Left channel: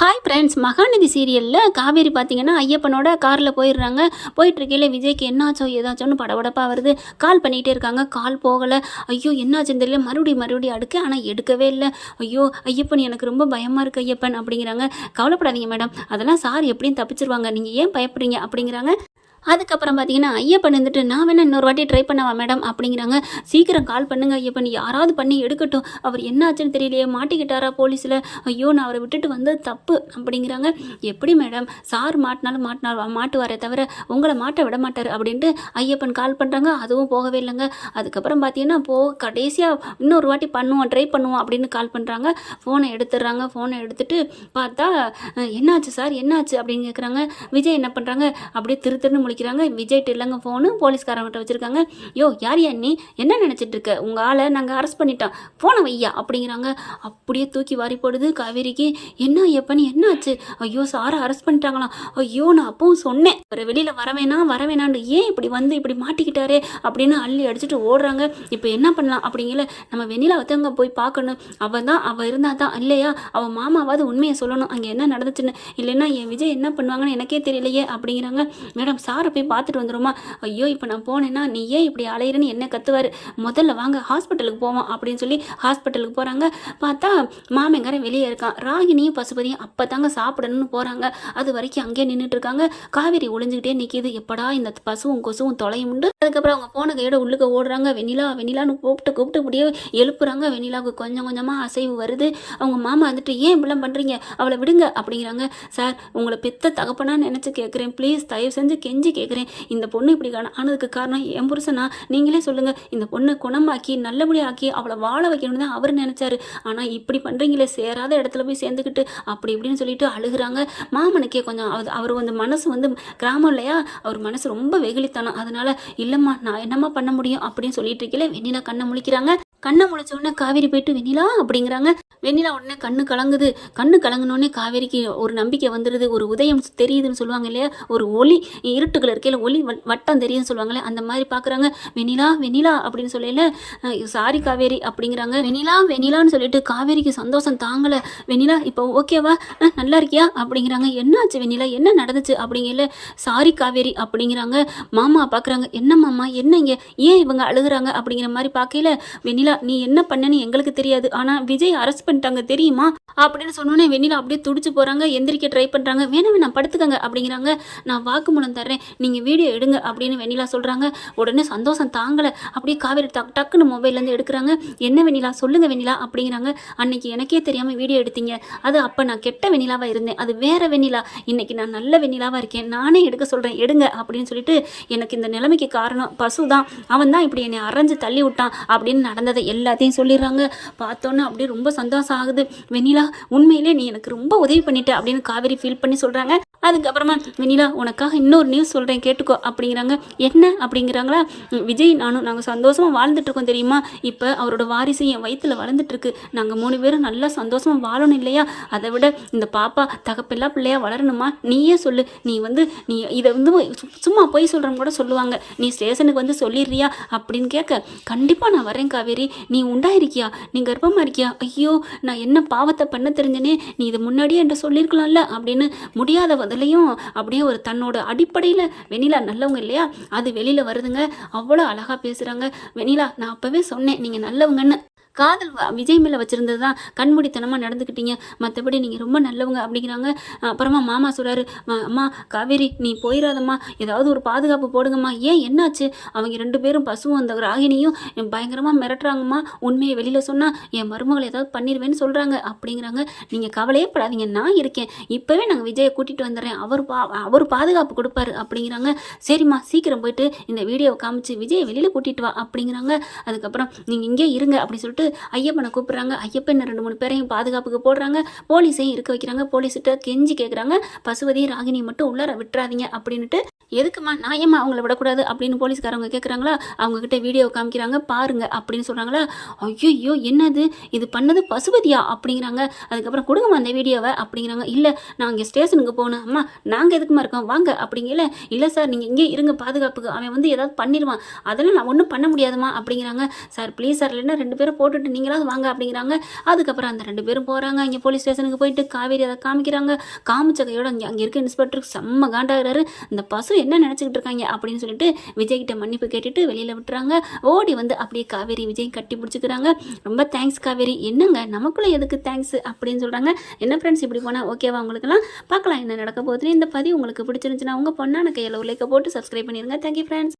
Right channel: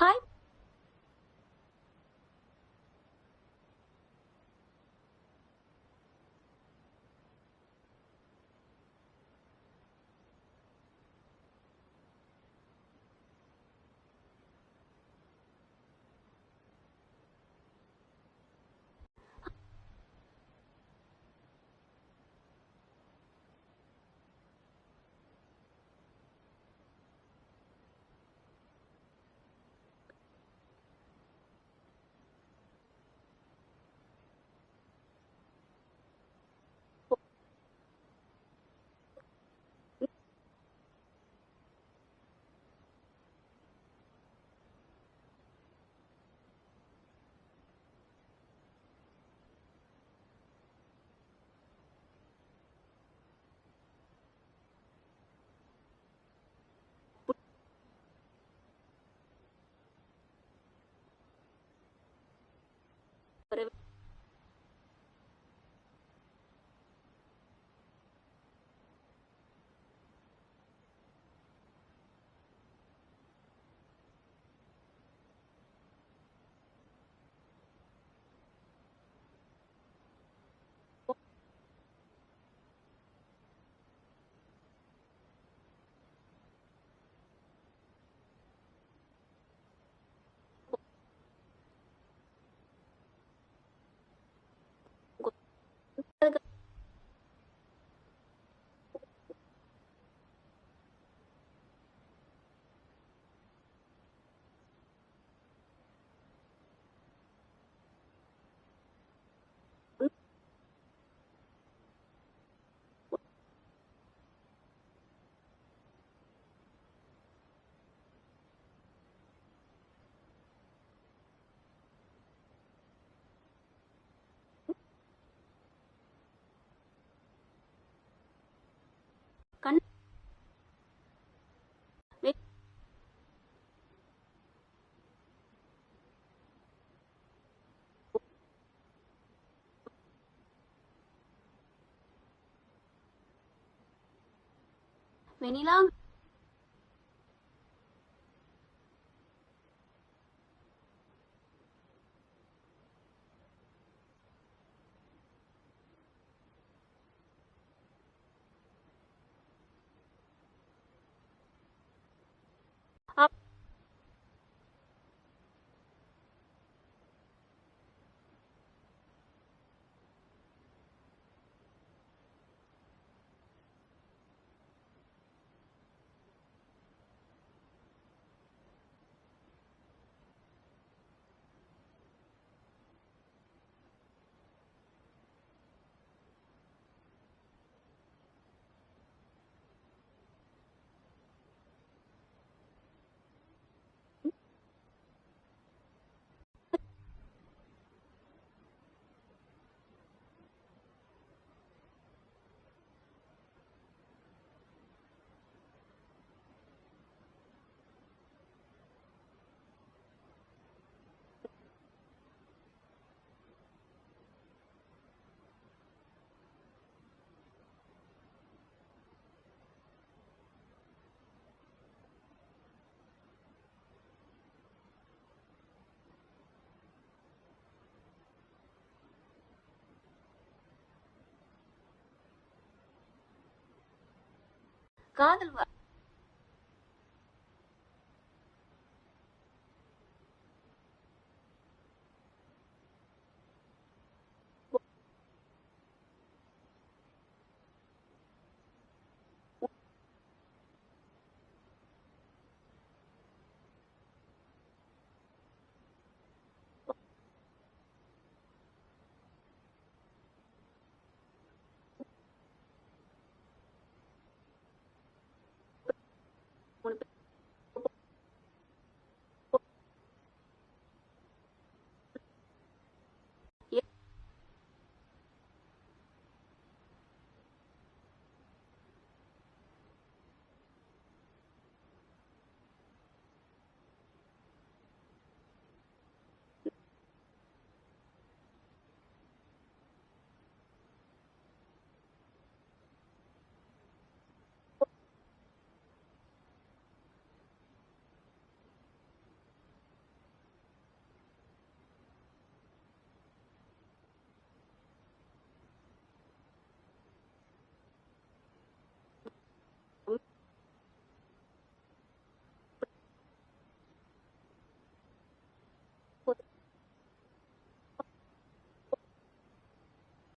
Hi friends, Mahanadi சீரியலில் காவேரி பார்த்தீங்கன்னா ஐயப்பனோட காரில் போயிடுறாங்க. போயிட்டுருக்கையில் விஜய்க்கு என்னாச்சோ ஏதாச்சோன்னு படபடப்பாக வருது. கால் பண்ணிகிட்டே இருக்காங்க, கால் போகலை. ஐயோ என்னாச்சுன்னு தெரியல, மறுபடியும் அடுக்க, ஆனால் எடுக்கவே இல்லை. ஐயோ ஐயப்பன், எனக்கு ரொம்ப பயமாக இருக்குது ஐயப்பன் அப்படிங்கிறாங்க. கவலைப்படாதீங்க மேடம், அதெல்லாம் சார் எப்படியும் தப்பிச்சிருவாங்க, நீங்கள் ஏன் பயப்படுறீங்க அப்படிங்கிறாங்க. அதுக்கப்புறம் பார்த்தீங்கன்னா ஐயப்பன் வந்துட்டு, நான் வேணா இன்னொரு வாட்டி ட்ரை பண்ணவா மேடம் அப்படிங்கிறாங்க. சீக்கிரம் கால் பண்ணுங்க ஐயப்பன், யாராவது பண்ணி எடுக்கட்டும், அவர் என்ன ஆச்சுன்னு தெரியலையே, மாட்டிக்கிட்டாரா போலீஸில், ஐயோ நான் அவரை விட்டுட்டு வந்தது தப்பு அப்படிங்கிறாங்க. எப்படி மேடம், சார் மாட்டினாலும் மாட்டுவாரே தவிர உங்களை மாட்ட விட மாட்டார் அப்படின்ட்டு ஐயப்பன் கால் பண்ணுறாங்க. அதுவும் போகவே இல்லைங்க. அதுக்கப்புறம் பார்த்தீங்கன்னா கடைசியாக இன்னொரு வாட்டி ட்ரை பண்ணுவோம் அப்படின்னு கால் பண்ணுறாங்க. ஃபோனை எடுத்துடுறாங்க. ஃபோனை எடுத்துட்டு பார்த்தா, என்னாச்சு சார் என்னாச்சு அப்படின்னு கேட்குறாங்க. விஜய் என்ன பண்ணுறாங்க, அப்படியே திருன்னு முடிக்கிறாங்க. விஜய்ட்டு இல்லைங்க ஃபோனு, போலீஸ்காரங்கிட்ட வச்சுருக்காங்க. யோ யார் நீ, என்ன நினச்சிட்டு இருக்க, உங்கள் ஆளை நாங்கள் அரெஸ்ட் பண்ணிட்டோம், ஃபோனை வையா அப்படிங்கிறாங்க. அப்படியே தூக்கி வாரி போடுது காவேரிக்கு. என்ன ஐயப்பன் என்னாச்சு, ஐயோ சாரை அரெஸ்ட் பண்ணிட்டாங்களாம். ஐயோ நான் அப்பவும் சொன்னேன் ஒரு வெளியில் வரவேணான்னு, ஏன் இப்படி மாட்டிக்கிட்டாரே அப்படின்னு அள்ளி அடிச்சுட்டு ஓடுறாங்க. இப்போ என்ன பண்ணலாம் அப்படிங்கல, நம்ம வெண்ணிலா வத்தவங்க போய் பார்க்கணும். அவள் இருந்தால் தான், இல்லையா அவள் மாமாவாவது உண்மையை சொல்லணும் அங்கே என்ன நடந்துச்சுன்னு, இல்லைன்னா என் விஜய் என்ன பண்ணுவாங்கன்னு எனக்கே தெரியலையே அப்படிங்கிறாங்க. மேடம் சாரை போய் பார்த்துட்டு வந்துடுமா. ஐயோ இப்போ நான் போனேன்னா நீ ஏன் இப்படி அலையிறன்னு என்ன கத்துவார், முதல்ல வாங்க ஹாஸ்பிட்டலுக்கு போவோம் அப்படின்னு சொல்லி ஹாஸ்பிட்டலுக்கு போகிறாங்க. பார்த்தா மாமங்காரன் வெளியே இருக்கான். ராகினியும் பசுபதியும் அப்போ தாங்க சாப்பிடணும்னு போகிறாங்க. அது வரைக்கும் அங்கேயே நின்றுட்டு இருக்காங்க. காவேரி ஒளிஞ்சுக்கிட்டே நிற்கிது, எப்படா இந்த பசுவும் கொசுவும் தொலையும் உண்டு. அதுக்கப்புறம் அவங்க போன கையோட உள்ளுக்க ஓடுறாங்க. வெண்ணிலான்னு கூப்பிட்டு இப்படியே எழுப்புறாங்க. வெண்ணிலாவுக்கு கொஞ்சம் கொஞ்சமாக அசைவு வருது. அவங்க மாமா வந்துட்டு, ஏன் இப்படிலாம் பண்ணுறீங்க, அவளை விடுங்க அப்படிங்கிறாங்க. சார் உங்களை பெத்த தகப்பனான்னு நினச்சி கேட்குறேன், ப்ளீஸ் தயவு செஞ்சு கெஞ்சி கேட்குறேன். இந்த பொண்ணு இப்படி ஆனதுக்கு காரணம் என் புருஷனா, நீங்களே சொல்லுங்கள். இந்த பொண்ணை குணமாக்கி நல்லபடியாக ஆக்கி அவளை வாழ வைக்கணும்னு தான் அவர் நினச்சாரு. ஆனால் இப்படி பண்ணுறீங்களே, சேராத இடத்துல போய் சேர்ந்துக்கிட்டு அப்படி இப்படின்னு சொல்லிட்டு அழுகுறாங்க. மாமனுக்கே கொஞ்சம் அவர் மனசு கிராமம் இல்லையா, அவர் மனசு ரொம்ப வெகுளித்தானம். அதனால இல்லைம்மா நான் என்னம்மா பண்ண முடியும் அப்படின்னு சொல்லிட்டு இருக்கல. வெண்ணிலா கண்ணை முழிக்கிறாங்க. கண்ணை முழிச்ச உடனே காவேரி போயிட்டு வெண்ணிலா அப்படிங்கிறாங்க. வெண்ணிலா உடனே கண்ணு கலங்குனோடனே காவேரிக்கு ஒரு நம்பிக்கை வந்துடுது. ஒரு உதயம் தெரியுதுன்னு சொல்லுவாங்க இல்லையா, ஒரு ஒளி இருட்டுகள் இருக்கையில் ஒளி வட்டம் தெரியுதுன்னு சொல்லுவாங்களே, அந்த மாதிரி பார்க்குறாங்க. வெண்ணிலா அப்படின்னு சொல்லல, சாரி காவேரி அப்படிங்கிறாங்க. வெண்ணிலான்னு சொல்லிட்டு காவேரிக்கு சந்தோஷம் தாங்கலை. வெண்ணிலா இப்போ ஓகேவா, நல்லா இருக்கியா அப்படிங்கிறாங்க. என்னாச்சு வெண்ணிலா, என்ன நடந்துச்சு அப்படிங்கல. சாரி காவேரி அப்படிங்கிறாங்க. மாமா பார்க்குறாங்க. என்ன மாமா என்னங்க, ஏன் இவங்க அழுகுறாங்க அப்படிங்கிற மாதிரி பார்க்கல. வெண்ணிலா நீ என்ன பண்ணன்னு எங்களுக்கு தெரியாது, ஆனால் விஜய் அரெஸ்ட் பண்ணிட்டாங்க தெரியுமா அப்படின்னு சொன்னோன்னே வெண்ணிலா அப்படியே துடிச்சு போகிறாங்க. எந்திரிக்க ட்ரை பண்ணுறாங்க. வேணாம் படுத்துக்கங்க அப்படிங்கிறாங்க. நான் வாக்குமூலம் தர்றேன், நீங்கள் வீடியோ எடுங்க அப்படின்னு வெண்ணிலா சொல்கிறாங்க. உடனே சந்தோஷம் தாங்கலை. அப்படியே காவேரி டக்குன்னு மொபைல்லேருந்து எடுக்கிறாங்க. என்ன வெண்ணிலா சொல்லுங்க வெண்ணிலா அப்படிங்கிறாங்க. அன்னைக்கு எனக்கே தெரியாமல் வீடியோ எடுத்தீங்க, அது அப்போ நான் கெட்ட வெண்ணிலாவாக இருந்தேன், அது வேற வெண்ணிலா. இன்னைக்கு நான் நல்ல வெண்ணிலாவாக இருக்கேன், நானே எடுக்க சொல்கிறேன் எடுங்க அப்படின்னு சொல்லிட்டு, எனக்கு இந்த நிலைமைக்கு காரணம் பசு தான், அவன் தான் இப்படி என்னை அரைஞ்சு தள்ளி விட்டான் அப்படின்னு நடந்ததை எல்லாத்தையும் சொல்லிடுறாங்க. பார்த்தோன்னே அப்படியே ரொம்ப சந்தோஷம் ஆகுது. வெண்ணிலா உண்மையிலே நீ எனக்கு ரொம்ப உதவி பண்ணிட்ட அப்படின்னு காவேரி ஃபீல் பண்ணி சொல்கிறாங்க. அதுக்கப்புறமா வெண்ணிலா உனக்காக இன்னொரு நியூஸ் சொல்கிறேன் கேட்டுக்கோ அப்படிங்கிறாங்க. என்ன அப்படிங்கிறாங்களா. விஜய் நானும் நாங்கள் சந்தோஷமாக வாழ்ந்துட்டுருக்கோம் தெரியுமா, இப்போ அவரோட வாரிசு என் வயிற்றில் வளர்ந்துட்டுருக்கு, நாங்கள் 3 பேரும் நல்லா சந்தோஷமாக வாழணும் இல்லையா, அதை விட இந்த பாப்பா தகப்பெல்லாம் பிள்ளையாக வளரணுமா, நீயே சொல்லு. நீ இதை சும்மா போய் சொல்கிறவங்க கூட சொல்லுவாங்க, நீ ஸ்டேஷனுக்கு சொல்லிடுறியா அப்படின்னு கேட்க, கண்டிப்பாக நான் வரேன் காவேரி, நீ உண்டாயிருக்கியா, நீ கர்ப்பமாக இருக்கியா, ஐயோ நான் என்ன பாவத்தை பண்ண தெரிஞ்சனே, நீ இதை முன்னாடியே என்கிட்ட சொல்லியிருக்கலாம்ல அப்படின்னு முடியாத அதுலேயும் அப்படியே ஒரு தன்னோட அடிப்படையில் வெண்ணிலா நல்லவங்க இல்லையா, அது வெளியில் வருதுங்க. அவ்வளோ அழகாக பேசுகிறாங்க. வெண்ணிலா நான் அப்போவே சொன்னேன் நீங்கள் நல்லவங்கன்னு, காதல் விஜய் மேலே வச்சுருந்தது தான் கண்மூடித்தனமாக நடந்துக்கிட்டீங்க, மற்றபடி நீங்கள் ரொம்ப நல்லவங்க அப்படிங்கிறாங்க. அப்புறமா மாமா சொல்கிறாரு, அம்மா காவேரி நீ போயிடாதம்மா, ஏதாவது ஒரு பாதுகாப்பு போடுங்கம்மா, ஏன் என்னாச்சு, அவங்க 2 பேரும் பசுவும் அந்த ராகினியும் பயங்கரமாக மிரட்டுறாங்கம்மா, உண்மையை வெளியில் சொன்னால் என் மருமகளை ஏதாவது பண்ணிடுவேன்னு சொல்கிறாங்க அப்படிங்கிறாங்க. நீங்கள் கவலையே படாதீங்க, நான் இருக்கேன், இப்போவே நாங்கள் விஜயை கூட்டிகிட்டு வந்துடுறேன், அவர் பாதுகாப்பு கொடுப்பாரு அப்படிங்கிறாங்க. சரிம்மா சீக்கிரம் போயிட்டு இந்த வீடியோவை காமிச்சு விஜயை வெளியில் கூட்டிகிட்டு வா அப்படிங்கிறாங்க. அதுக்கப்புறம் நீங்கள் இங்கே இருங்க அப்படின்னு சொல்லிட்டு ஐயப்பனை கூப்பிடுறாங்க. ஐயப்பன் 2-3 பேரையும் பாதுகாப்புக்கு போடுறாங்க. போலீஸையும் இருக்க வைக்கிறாங்க. போலீஸ்கிட்ட கெஞ்சி கேட்குறாங்க, பசுபதி ராகினி மட்டும் உள்ளார விட்டுறாதீங்க அப்படின்ட்டு. எதுக்குமா நான் ஏம்மா அவங்கள விடக்கூடாது அப்படின்னு போலீஸ்காரவங்க கேட்குறாங்களா, அவங்கக்கிட்ட வீடியோ காமிக்கிறாங்க பாருங்க அப்படின்னு சொல்கிறாங்களா. ஐயோ என்னது இது பண்ணது பசுபதியா அப்படிங்கிறாங்க. அதுக்கப்புறம் கொடுங்கம்மா அந்த வீடியோவை அப்படிங்கிறாங்க. இல்லை நான் இங்கே ஸ்டேஷனுக்கு போகணும். அம்மா நாங்கள் எதுக்குமா இருக்கோம் வாங்க அப்படிங்கல. இல்லை சார் நீங்கள் இங்கே இருங்க பாதுகாப்புக்கு, அவன் வந்து ஏதாவது பண்ணிடுவான், அதெல்லாம் நான் ஒன்றும் பண்ண முடியாதுமா அப்படிங்கிறாங்க. சார் ப்ளீஸ் சார் இல்லைன்னா 2 பேரும் போட்டுட்டு நீங்களாவது வாங்க அப்படிங்கிறாங்க. அதுக்கப்புறம் அந்த 2 பேரும் போகிறாங்க. இங்கே போலீஸ் ஸ்டேஷனுக்கு போயிட்டு காவேரி அதை காமிக்கிறாங்க. காமிச்ச கையோட அங்கே இருக்க இன்ஸ்பெக்டருக்கு செம்ம காண்டாகிறாரு. இந்த பசு என்ன நினச்சிக்கிட்டு இருக்காங்க அப்படின்னு சொல்லிட்டு விஜய்கிட்ட மன்னிப்பு கேட்டுட்டு வெளியில் விட்டுறாங்க. ஓடி வந்து அப்படியே காவேரி விஜய் கட்டி பிடிச்சிக்கிறாங்க. ரொம்ப தேங்க்ஸ் காவேரி. என்னங்க நமக்குள்ளே எதுக்கு தேங்க்ஸ் அப்படின்னு சொல்கிறாங்க. என்ன ஃப்ரெண்ட்ஸ் இப்படி போனால் ஓகேவா உங்களுக்குலாம்? பார்க்கலாம் என்ன நடக்க போகுதுன்னு. இந்த பதிவு உங்களுக்கு பிடிச்சிருந்துச்சுன்னா உங்கள் பொண்ணான கையில் ஒரு லைக்கை போட்டு சப்ஸ்கிரைப் பண்ணிடுங்க. Thank you friends.